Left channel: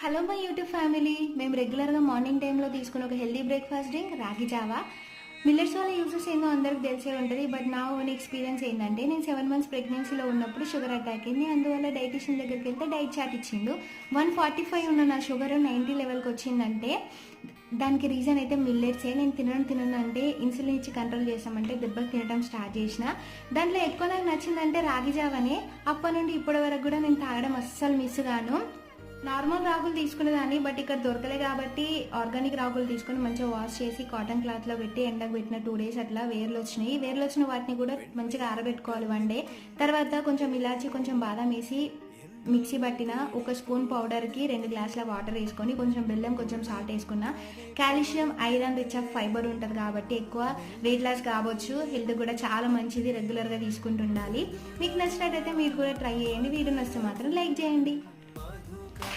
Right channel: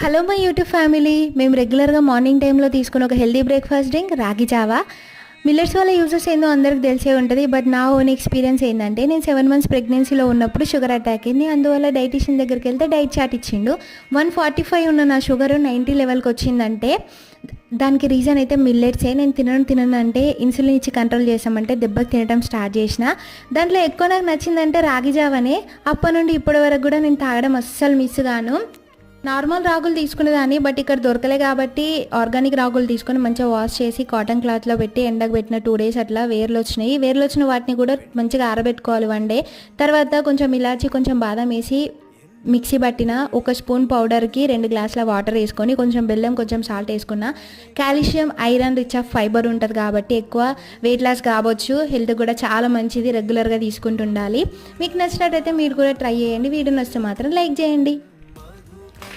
Hello my YouTube family. మేము రెగ్యులర్గా morning టైంలో తీసుకున్న ఒక హెల్దీ బ్రేక్ఫాస్ట్ డ్రింక్ రాగి జావా. మిల్లెట్స్ వల్ల యూజెస్ ఏందో అందరికి తెలిసే ఉంటుంది. బట్ నా ఓన్ ఎక్స్పీరియన్స్ ఏంటంటే, నేను 7 మంత్స్ ప్రెగ్నెన్సీలో ఉన్నప్పుడు షుగర్ అటాక్ అయింది. అందువల్ల డైటీషియన్ దగ్గరికి వెళ్తే డైట్ చార్ట్ ఇచ్చిండు. 145 ఉన్న నా షుగర్ 90 లెవెల్కి వచ్చిందంటే దానికి రీజన్ అయితే మిల్లెట్సే. నేను తినను అంటే ఇన్సులిన్ ఇచ్చి కంట్రోల్ చేసామంటే దెబ్బకి తినడం స్టార్ట్ చేసిన. దాంట్లో ఎక్కువ నాకు నచ్చిందంటే రాగి జావనే. అప్పటి నుండి ఇప్పటి వరకు కూడా నేను తాగడం అస్సలు మిస్ గాను. నార్మల్ రాగులు తీసుకునేదాన్ని, బట్ ఇక్కడ దొరకలే కాబట్టి ఆర్గానిక్ రాగులు తీసుకొని మంచిగా వాష్ చేసి కాటన్ క్లాత్లో పెట్టి ఎండకు పెట్టిన 2 డేస్ అట్లా వేర్లు వచ్చినాయి. వేర్లు వచ్చిన వాటిని కూడా మంచిగా ఆరబెట్టుకోవాలి 1 డే. తర్వాత కొంచెం ఇలాచి కొంచెం బాదం వేసి మిక్సీ పట్టిన 1 స్పూన్ పౌడర్కి 2 గ్లాసుల వాటర్ వేసుకొని కొంచెం బెల్లం కొంచెం సాల్ట్ వేసుకున్న. Calcium, iron, rich of fibre ఉంటుంది కాబట్టి ఎక్కువ వెయిట్ లాస్ కావచ్చు. హెల్త్ కూడా చాలా మంచిది, రెగ్యులర్గా తీసుకుంటుండాలి. మీకు నచ్చినట్టయితే మీరు కూడా ట్రై చేయండి. వీడియో నచ్చితే మాత్రం లైక్ చేయండి.